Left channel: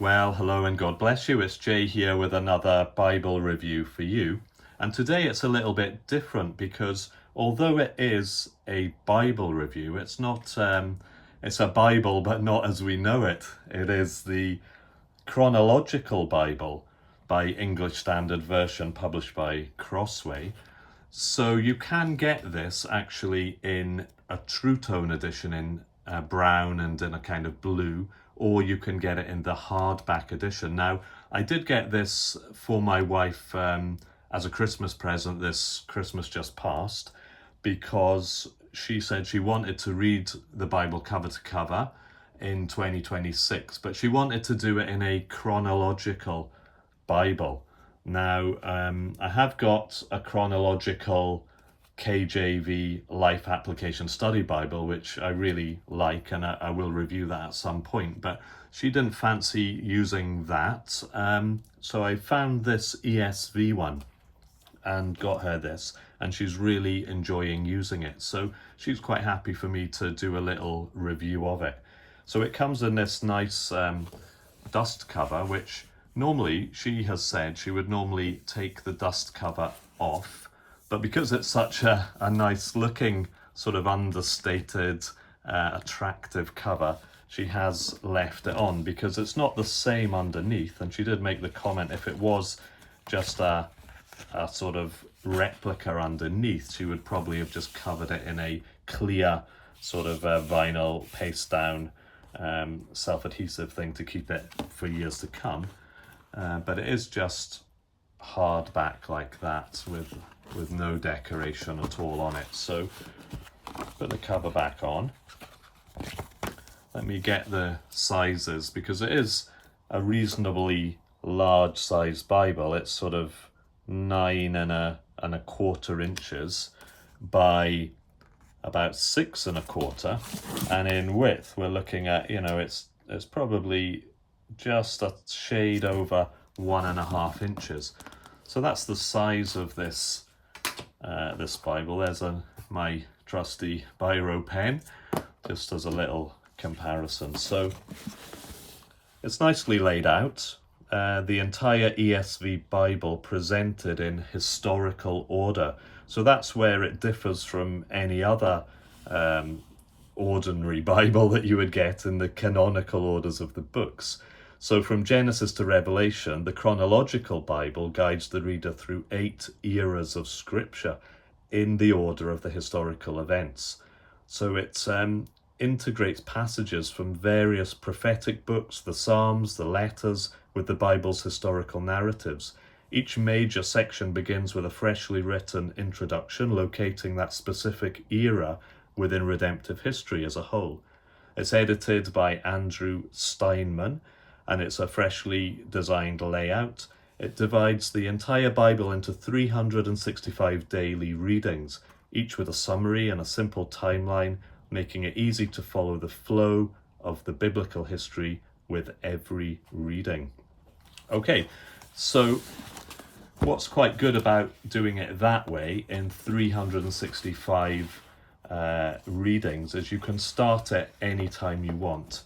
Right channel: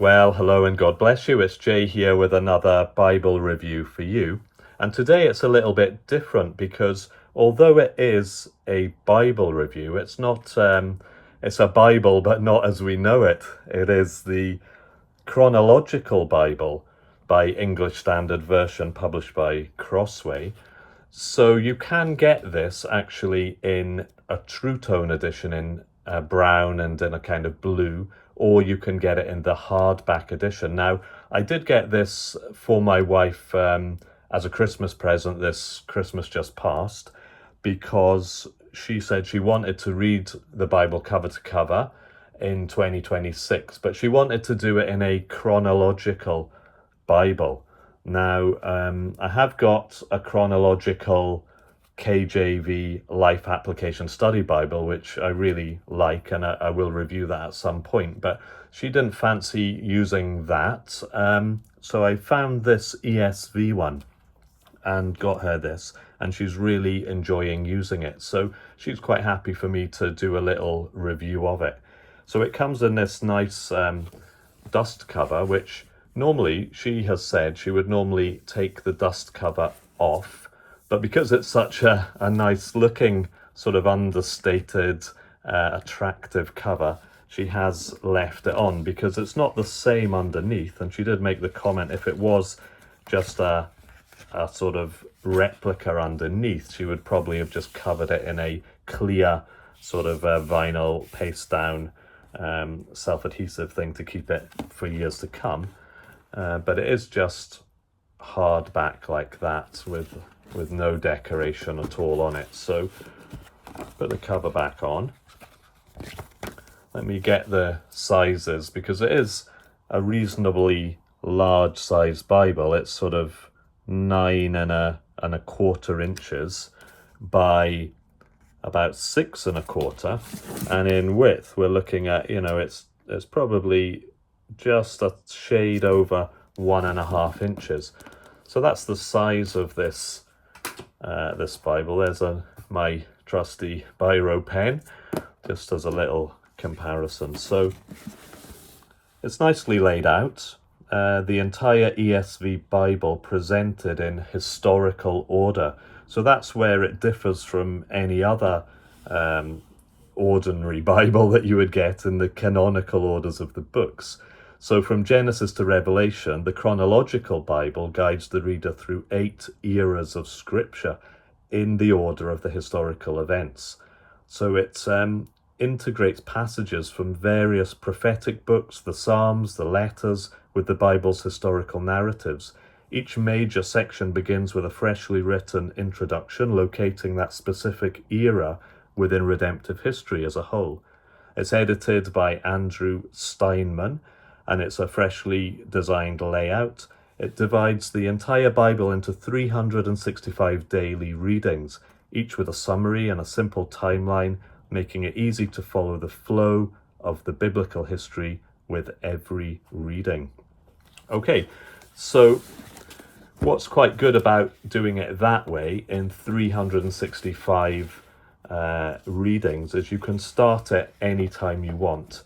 Well, hello and God bless you. It's Jay here with another Bible review for you. And today it's a little bit different because although it is a Bible review, it's not, it's a Bible, but not as we know it. It is the Chronological Bible by English Standard Version published by Crossway. So you can get this actually in a True Tone edition in brown and in a kind of blue, or you can get it in the hardback edition. Now, I did get this for my wife as a Christmas present this Christmas just passed, because she said she wanted to read the Bible cover to cover in 2026, but she wanted to do it in a chronological Bible. Now, I have got a chronological KJV Life Application Study Bible, which I really like, and I will review that at some point, but she didn't fancy using that. So I found this ESV one and got her this, and she's really enjoying using it. So she's quite happy for me to do a little review of it. So it comes in this nice dust cover, which normally she has said she would normally take the dust cover off, but because it's such a nice looking, sort of understated, attractive cover, she has left it on because it's not the same underneath. And she did make the comment, if it was just a sort of replica underneath, she would probably have just covered it in a clear sort of vinyl paste down self-adhesive thing to keep it for years to come. But it is just hardback like that with no decoration at all on it. So put the cover back on. Let me get the sizes, because it is a reasonably large size Bible. It's sort of 9 1/4 inches by about 6 1/4, and in width we're looking at, it's probably just a shade over 1.5 inches. So that's the size of this this Bible. There's my trusty biro pen, just as a little comparison. So it's nicely laid out. The entire ESV Bible presented in historical order. So that's where it differs from any other ordinary Bible that you would get in the canonical orders of the books. So from Genesis to Revelation, the Chronological Bible guides the reader through 8 eras of Scripture in the order of the historical events. So it integrates passages from various prophetic books, the Psalms, the letters, with the Bible's historical narratives. Each major section begins with a freshly written introduction, locating that specific era within redemptive history as a whole. It's edited by Andrew Steinman, and it's a freshly designed layout. It divides the entire Bible into 365 daily readings, each with a summary and a simple timeline, making it easy to follow the flow of the biblical history with every reading. Okay, so what's quite good about doing it that way in 365 readings is you can start it anytime you want.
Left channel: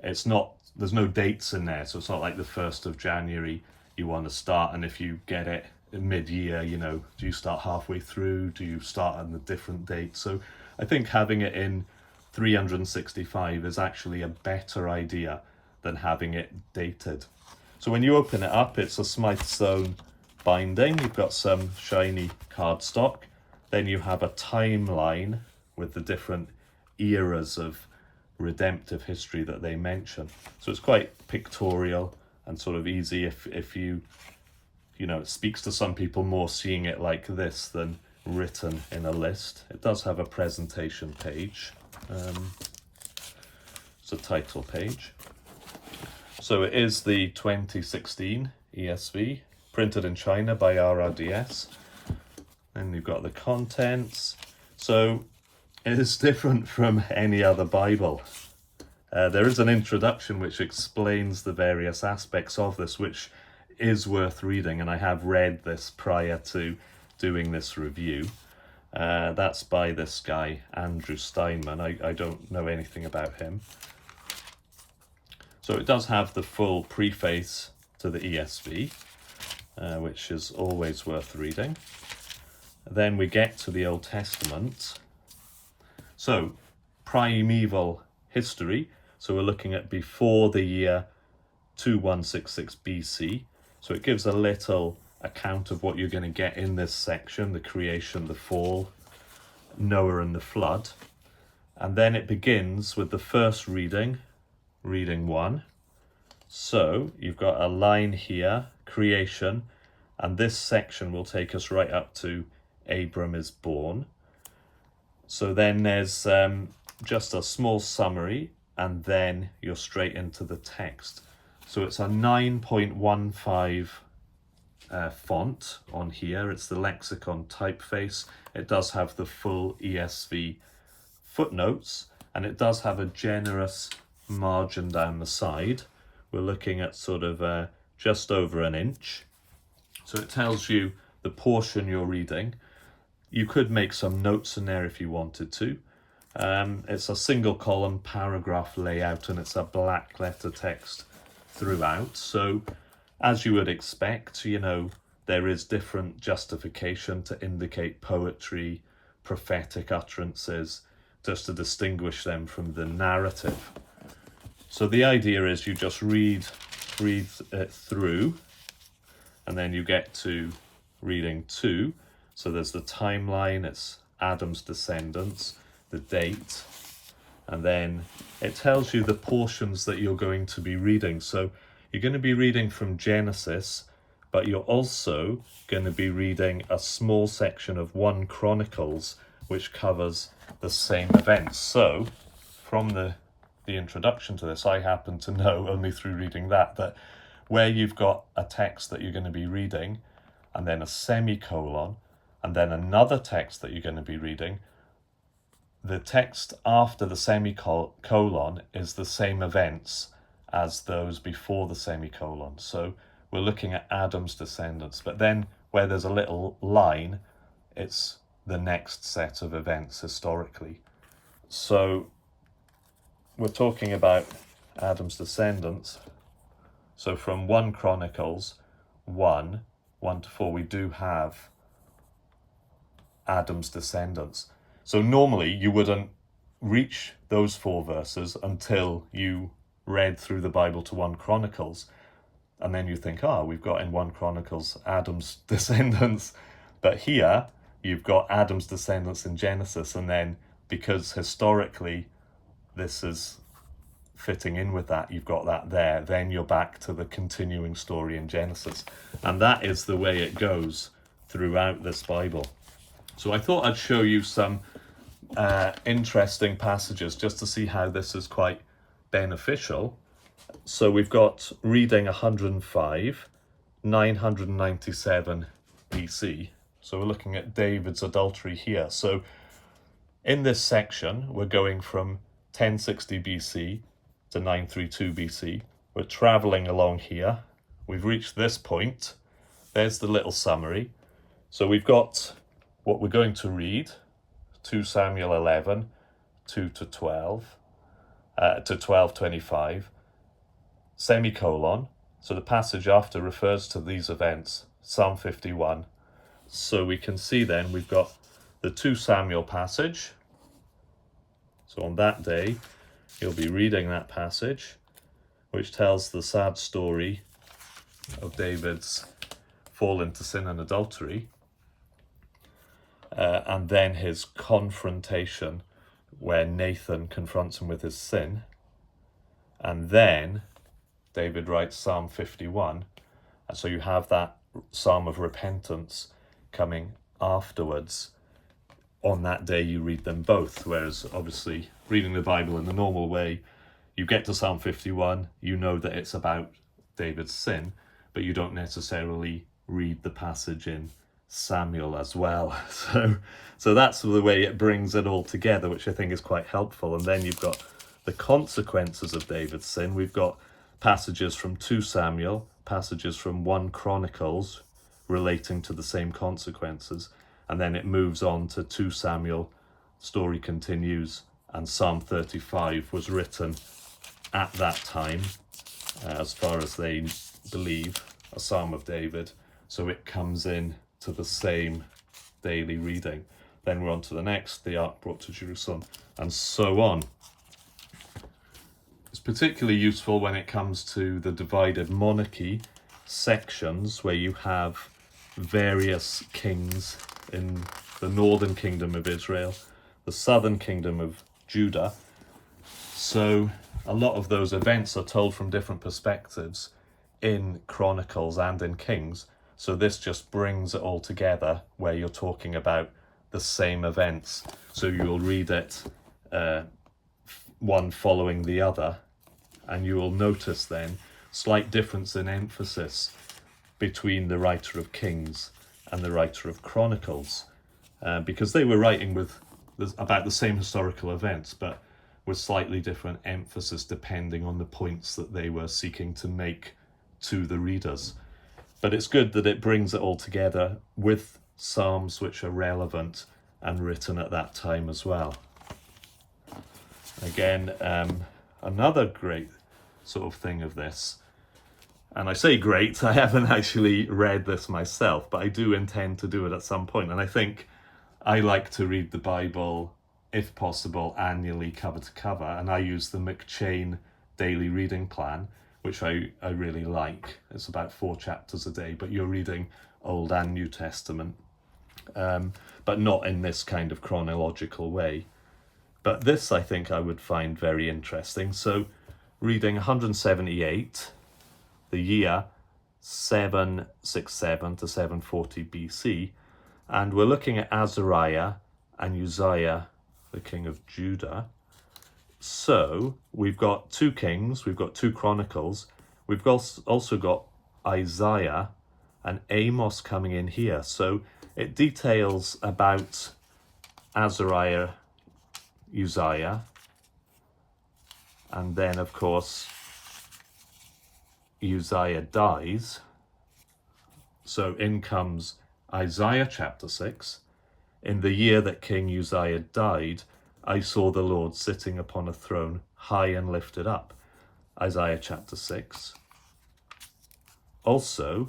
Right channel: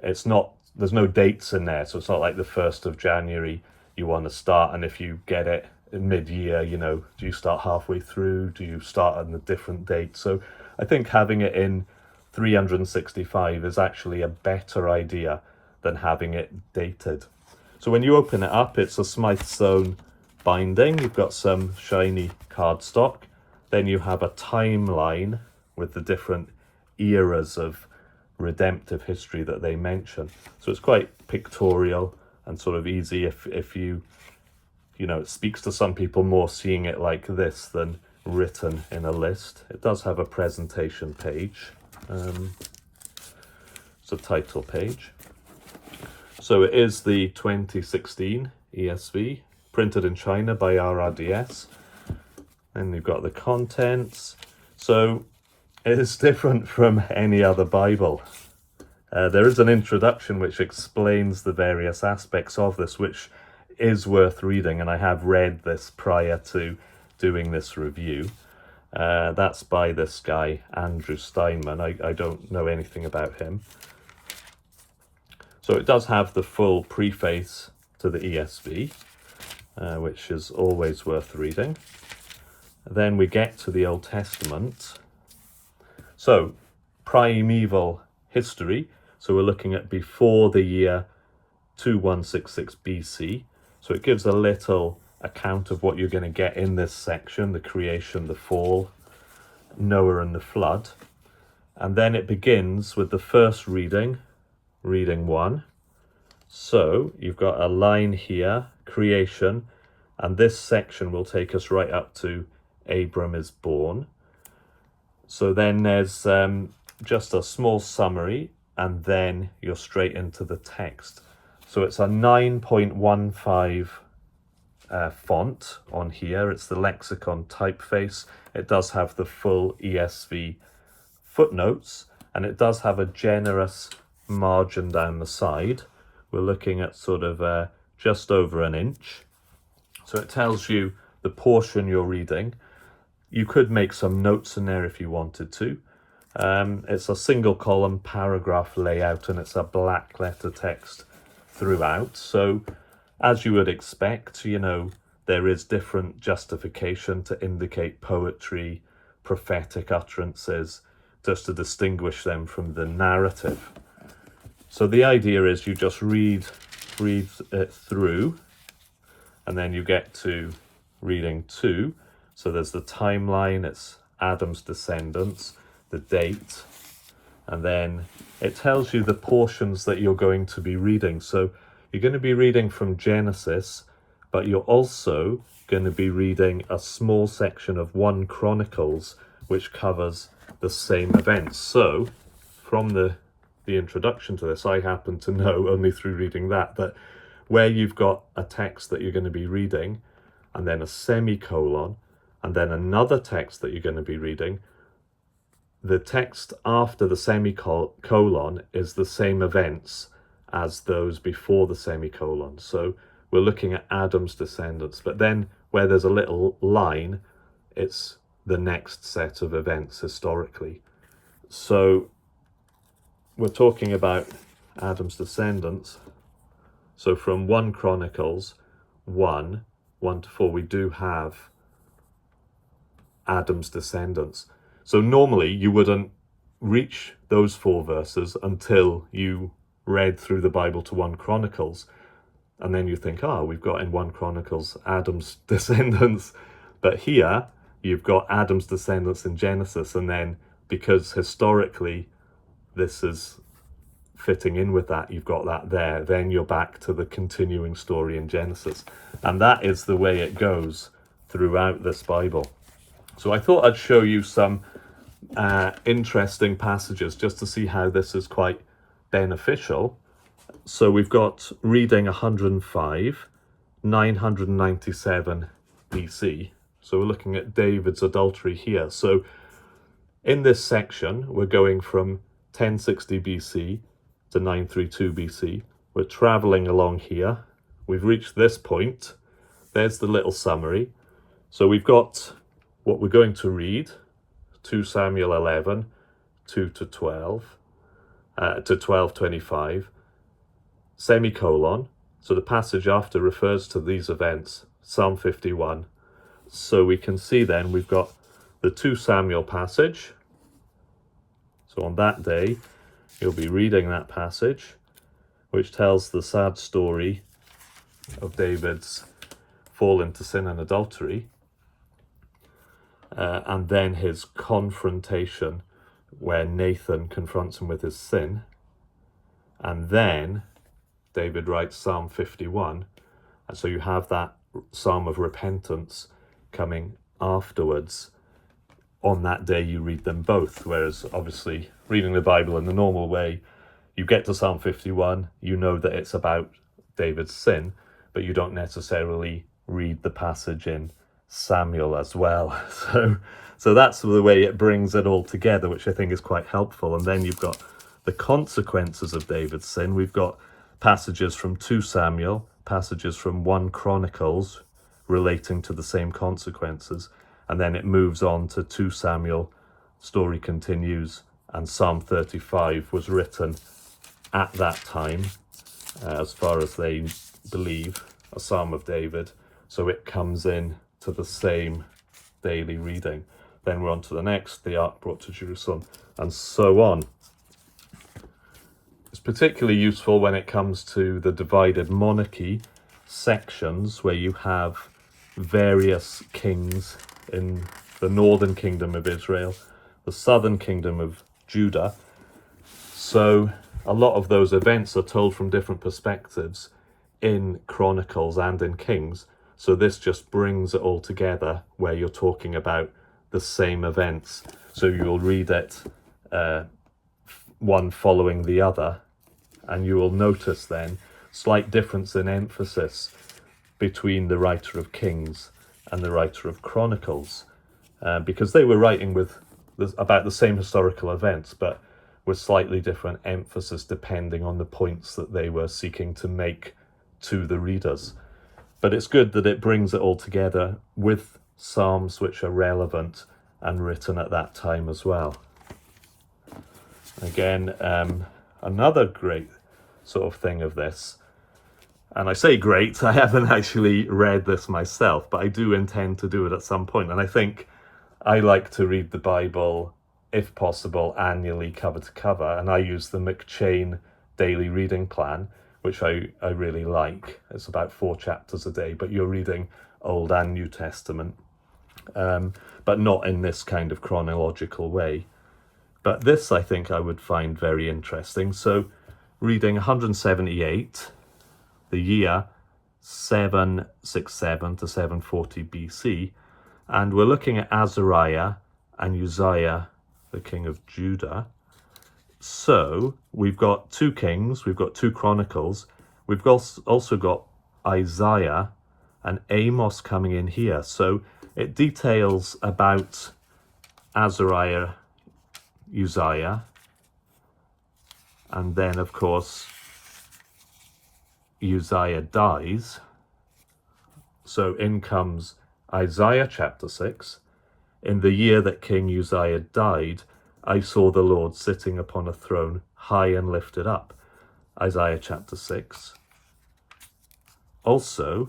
There's no dates in there, so it's not like the 1st of January you want to start, and if you get it mid-year, do you start halfway through? Do you start on a different date? So I think having it in 365 is actually a better idea than having it dated. So when you open it up, it's a Smythsonian binding. You've got some shiny cardstock. Then you have a timeline with the different eras of redemptive history that they mention. So it's quite pictorial and sort of easy if you it speaks to some people more seeing it like this than written in a list. It does have a presentation page. It's a title page. So it is the 2016 ESV, printed in China by RRDS. And we've got the contents. So it is different from any other Bible. There is an introduction which explains the various aspects of this, which is worth reading, and I have read this prior to doing this review. That's by this guy, Andrew Steinman. I don't know anything about him. So it does have the full preface to the ESV, which is always worth reading. Then we get to the Old Testament. So, Primeval History. So we're looking at before the year 2166 BC. So it gives a little account of what you're going to get in this section: the creation, the fall, Noah and the flood. And then it begins with the first reading, reading 1. So you've got a line here, creation, and this section will take us right up to Abram is born. So then there's just a small summary, and then you're straight into the text. So it's a 9.15 font on here. It's the lexicon typeface. It does have the full ESV footnotes, and it does have a generous margin down the side. We're looking at sort of just over an inch. So it tells you the portion you're reading. You could make some notes in there if you wanted to. It's a single column paragraph layout, and it's a black letter text throughout. So as you would expect, you know, there is different justification to indicate poetry, prophetic utterances, just to distinguish them from the narrative. So the idea is you just read it through, and then you get to reading 2. So there's the timeline, it's Adam's descendants, the date, and then it tells you the portions that you're going to be reading. So you're going to be reading from Genesis, but you're also going to be reading a small section of 1 Chronicles, which covers the same events. So from the introduction to this, I happen to know, only through reading that where you've got a text that you're going to be reading, and then a semicolon, and then another text that you're going to be reading, the text after the semicolon is the same events as those before the semicolon. So we're looking at Adam's descendants, but then where there's a little line, it's the next set of events historically. So we're talking about Adam's descendants. So from 1 Chronicles 1 to 4, we do have Adam's descendants. So normally you wouldn't reach those 4 verses until you read through the Bible to 1 Chronicles, and then you think, we've got in 1 Chronicles Adam's descendants, but here you've got Adam's descendants in Genesis, and then because historically this is fitting in with that, you've got that there, then you're back to the continuing story in Genesis, and that is the way it goes throughout this Bible. So I thought I'd show you some interesting passages just to see how this is quite beneficial. So we've got reading 105, 997 BC. So we're looking at David's adultery here. So in this section, we're going from 1060 BC to 932 BC. We're traveling along here. We've reached this point. There's the little summary. So we've got what we're going to read, 2 Samuel 11, 2 to 12, to 12:25, semicolon. So the passage after refers to these events, Psalm 51. So we can see then we've got the 2 Samuel passage. So on that day, you'll be reading that passage, which tells the sad story of David's fall into sin and adultery, and then his confrontation where Nathan confronts him with his sin. And then David writes Psalm 51, and so you have that psalm of repentance coming afterwards. On that day you read them both, whereas obviously reading the Bible in the normal way, you get to Psalm 51, you know that it's about David's sin, but you don't necessarily read the passage in Samuel as well. So that's the way it brings it all together, which I think is quite helpful. And then you've got the consequences of David's sin. We've got passages from 2 Samuel, passages from 1 Chronicles relating to the same consequences, and then it moves on to 2 Samuel, story continues, and Psalm 35 was written at that time, as far as they believe, a Psalm of David. So it comes in to the same daily reading. Then we're on to the next, the ark brought to Jerusalem, and so on. It's particularly useful when it comes to the Divided Monarchy sections, where you have various kings in the northern kingdom of Israel, the southern kingdom of Judah. So a lot of those events are told from different perspectives in Chronicles and in Kings. So this just brings it all together, where you're talking about the same events. So you'll read it one following the other, and you will notice then slight difference in emphasis between the writer of Kings and the writer of Chronicles, because they were writing about the same historical events, but with slightly different emphasis depending on the points that they were seeking to make to the readers. But it's good that it brings it all together with psalms which are relevant and written at that time as well. Again, another great sort of thing of this, and I say great, I haven't actually read this myself, but I do intend to do it at some point. And I think I like to read the Bible, if possible, annually, cover to cover, and I use the McChain daily reading plan, which I really like. It's about 4 chapters a day, but you're reading Old and New Testament, but not in this kind of chronological way. But this I think I would find very interesting. So reading 178, the year 767 to 740 BC, and we're looking at Azariah and Uzziah, the king of Judah. So we've got 2 kings, we've got 2 chronicles, we've also got Isaiah and Amos coming in here. So it details about Azariah, Uzziah, and then of course Uzziah dies. So in comes Isaiah chapter 6. In the year that King Uzziah died, I saw the Lord sitting upon a throne, high and lifted up. Isaiah chapter 6. Also,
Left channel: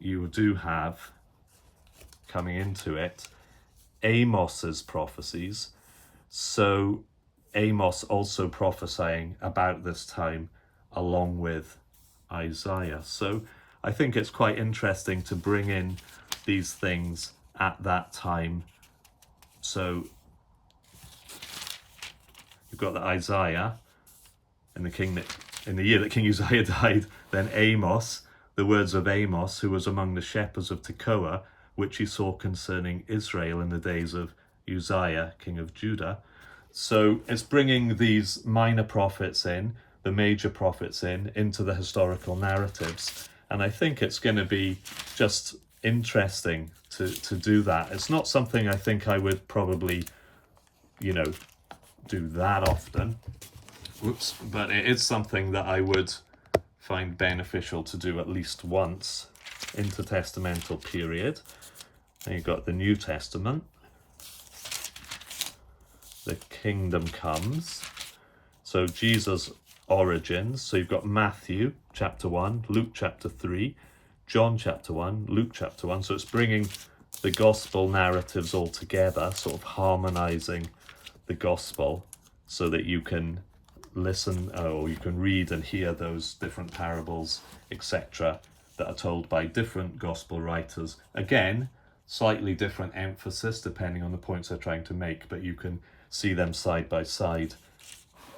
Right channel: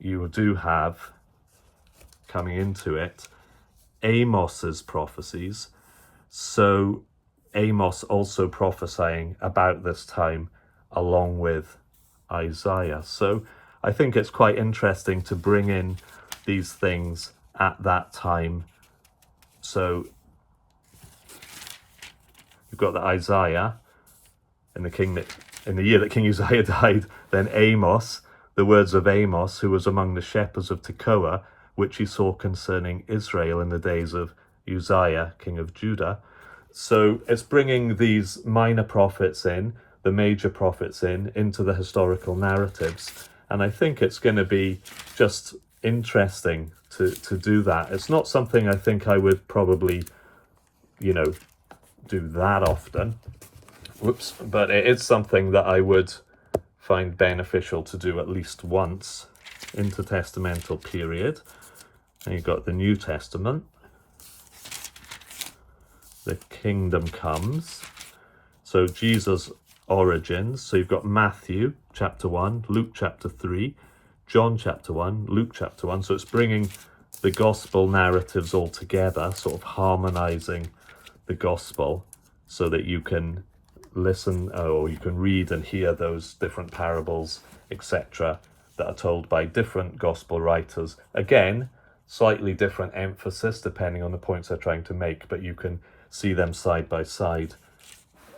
you do have, coming into it, Amos's prophecies. So Amos also prophesying about this time along with Isaiah. So I think it's quite interesting to bring in these things at that time. So you've got the Isaiah in the year that King Uzziah died, then Amos, the words of Amos, who was among the shepherds of Tekoa, which he saw concerning Israel in the days of Uzziah, king of Judah. So it's bringing these minor prophets in, the major prophets into the historical narratives. And I think it's going to be just interesting to do that. It's not something I think I would probably, do that often. Whoops. But it is something that I would find beneficial to do at least once intertestamental period. And you've got the New Testament. The kingdom comes. So Jesus' origins. So you've got Matthew chapter 1, Luke chapter 3, John chapter 1, Luke chapter 1. So it's bringing the gospel narratives all together, sort of harmonizing the gospel so that you can listen or you can read and hear those different parables, etc., that are told by different gospel writers. Again, slightly different emphasis depending on the points they're trying to make, but you can see them side by side.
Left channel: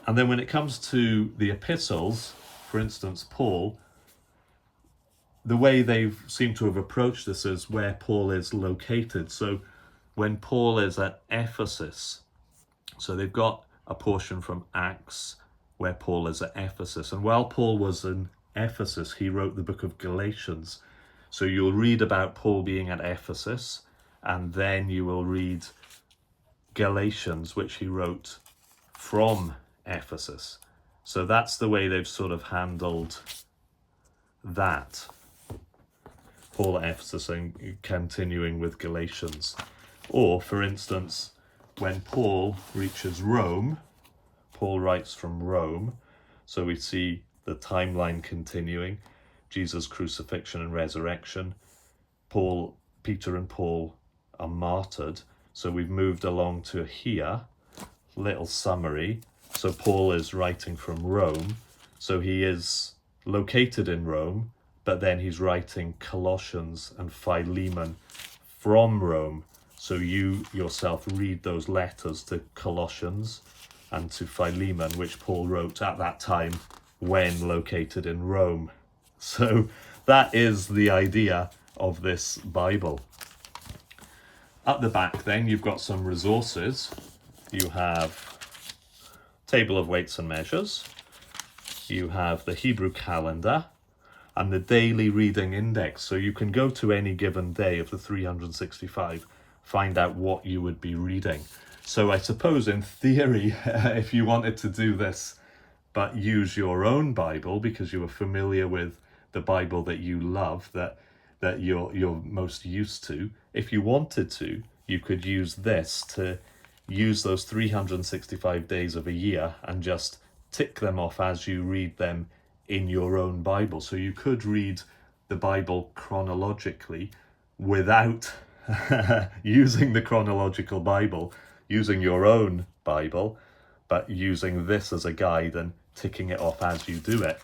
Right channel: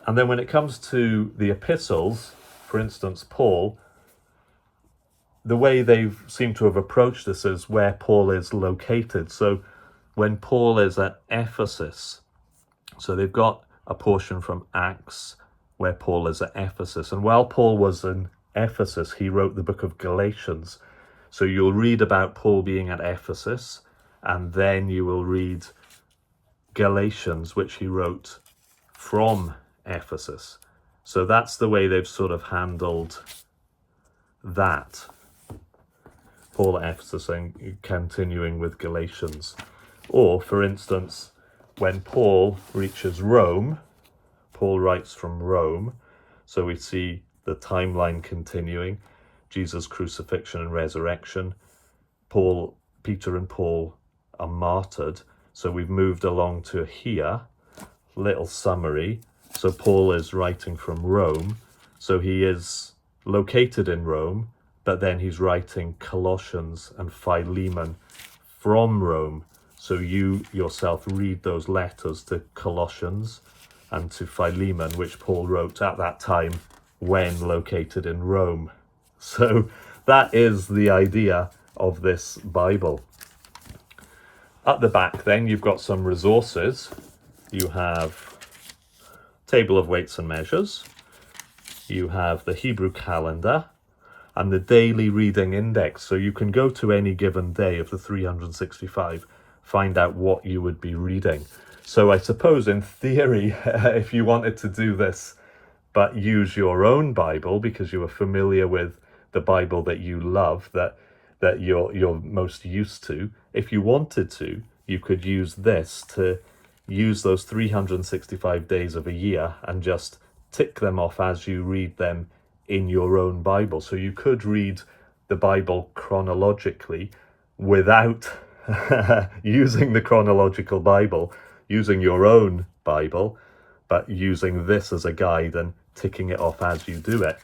And then when it comes to the epistles, for instance, Paul, the way they seem to have approached this is where Paul is located. So when Paul is at Ephesus, so they've got a portion from Acts where Paul is at Ephesus. And while Paul was in Ephesus, he wrote the book of Galatians. So you'll read about Paul being at Ephesus, and then you will read Galatians, which he wrote from Ephesus. So that's the way they've sort of handled that. Paul at Ephesus and continuing with Galatians. Or, for instance, when Paul reaches Rome, Paul writes from Rome, So we see the timeline continuing, Jesus' crucifixion and resurrection. Peter and Paul are martyred. So we've moved along to here, little summary. So Paul is writing from Rome. So he is located in Rome, but then he's writing Colossians and Philemon from Rome. So you yourself read those letters to Colossians and to Philemon, which Paul wrote at that time when located in Rome. So that is the idea of this Bible. At the back then, you've got some resources. You have table of weights and measures. You have the Hebrew calendar and the daily reading index. So you can go to any given day of the 365, find out what you would be reading. So I suppose in theory, if you wanted to do this, but use your own Bible because you are familiar with the Bible that you love, that you're most used to, if you wanted to, you could use this to use those 365 days of a year and just tick them off as you read them in your own Bible. So you could read the Bible chronologically without using the chronological Bible, using your own Bible, but using this as a guide and ticking it off as you do it.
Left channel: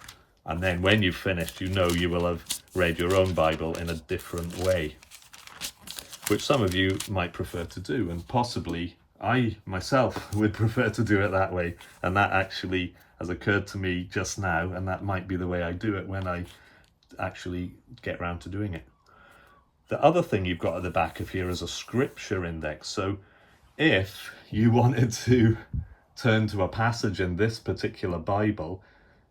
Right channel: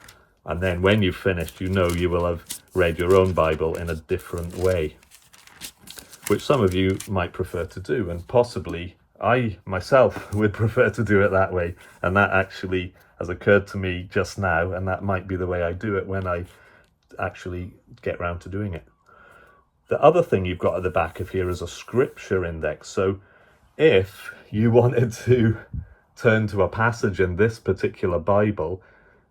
And then when you've finished, you know you will have read your own Bible in a different way, which some of you might prefer to do, and possibly I myself would prefer to do it that way. And that actually has occurred to me just now, and that might be the way I do it when I actually get round to doing it. The other thing you've got at the back of here is a scripture index. So if you wanted to turn to a passage in this particular Bible,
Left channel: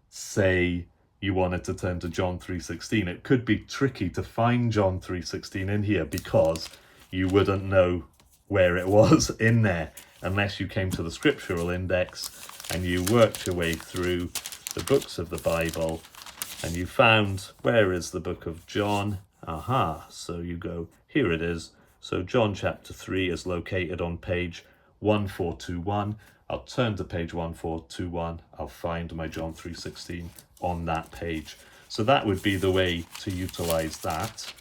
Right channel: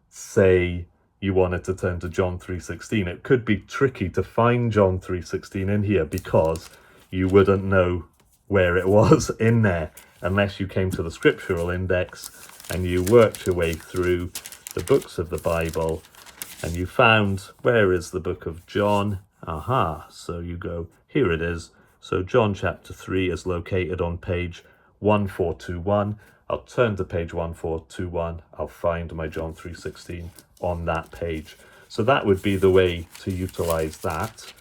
say you wanted to turn to John 3:16, it could be tricky to find John 3:16 in here because you wouldn't know where it was in there unless you came to the scriptural index and you worked your way through the books of the Bible and you found, where is the book of John? Aha, so you go, here it is. So John chapter 3 is located on page 1421. I'll turn to page 1421. I'll find my John 3:16 on that page. So that would be the way to utilize that.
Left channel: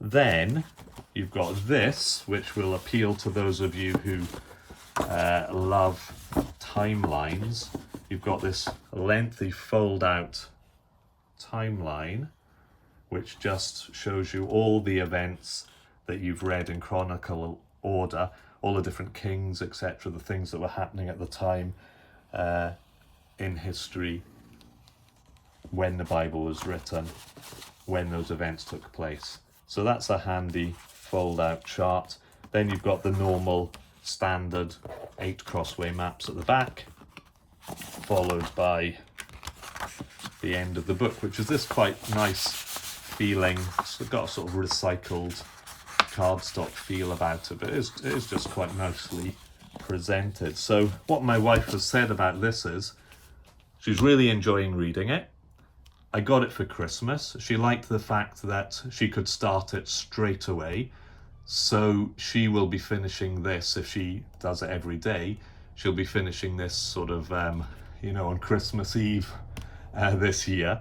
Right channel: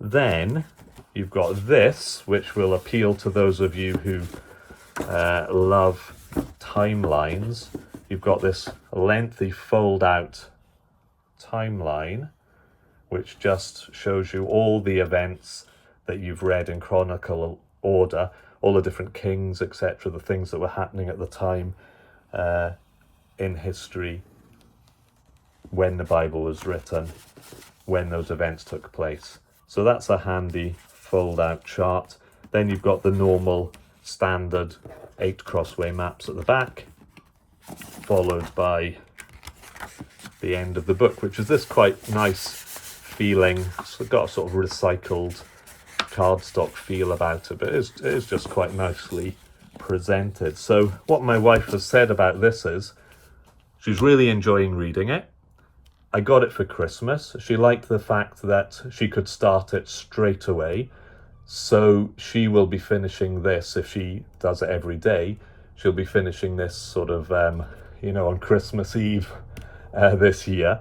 Then you've got this, which will appeal to those of you who love timelines. You've got this lengthy fold out timeline, which just shows you all the events that you've read in chronicle order, all the different kings, etc., the things that were happening at the time in history, when the Bible was written, when those events took place. So that's a handy fold-out chart. Then you've got the normal standard 8 crossway maps at the back, followed by the end of the book, which is this quite nice feeling. It's got a sort of recycled cardstock feel about it, but it is just quite nicely presented. So what my wife has said about this is she's really enjoying reading it. I got it for Christmas. She liked the fact that she could start it straight away. So she will be finishing this, if she does it every day, she'll be finishing this sort of, on Christmas Eve this year.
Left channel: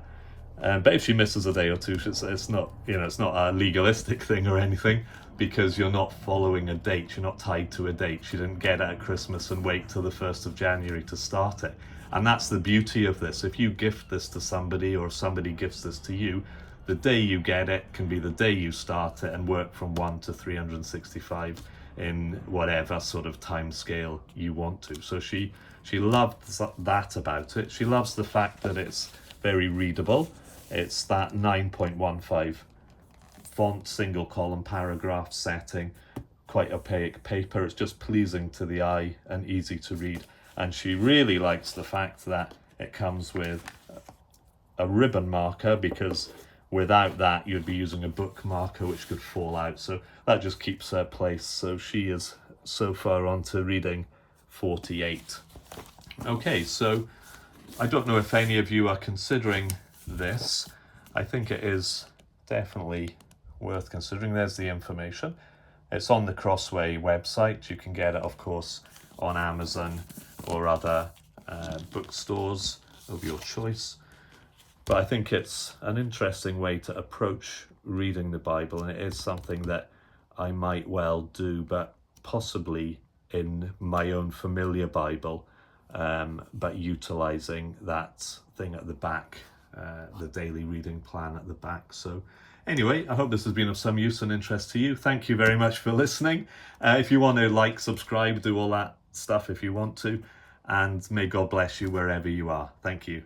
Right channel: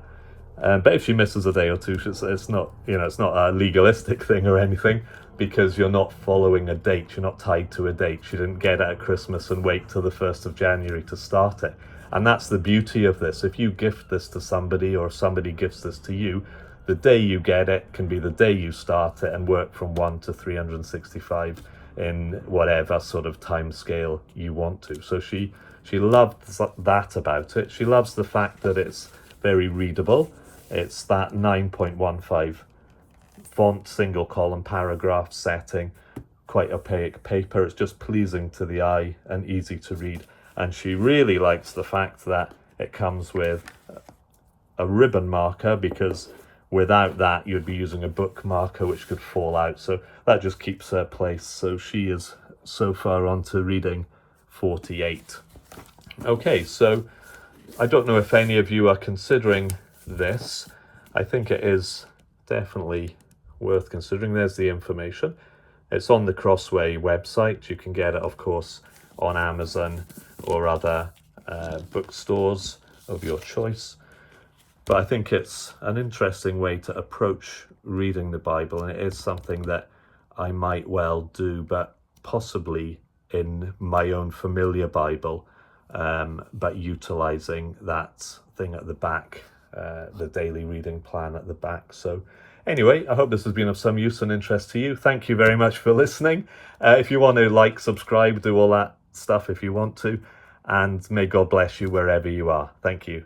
But if she misses a day or two, it's not a legalistic thing or anything, because you're not following a date, you're not tied to a date. She didn't get it at Christmas and wait till the 1st of January to start it. And that's the beauty of this. If you gift this to somebody or somebody gifts this to you, the day you get it can be the day you start it and work from 1 to 365 in whatever sort of time scale you want to. So she loves that about it. She loves the fact that it's very readable. It's that 9.15 font, single column paragraph setting, quite opaque paper. It's just pleasing to the eye and easy to read. And she really likes the fact that it comes with a ribbon marker, because without that you'd be using a book marker which could fall out. So that just keeps her place. So she is so far on to reading 48. Okay, so I don't know if any of you are considering this. I think it is definitely worth considering. There's the information. It's on the Crossway website. You can get it, of course, on Amazon or other bookstores. of your choice. But I think it's an interesting way to approach reading the Bible, and it is something that I might well do, but possibly in my own familiar Bible, but utilizing that thing at the back, the daily reading plan at the back. So anyway, I hope this has been of some use and interest to you. Thank you very much for listening. If you want to like, subscribe, do all that stuff if you want to, and may God bless you wherever you are. Thank you.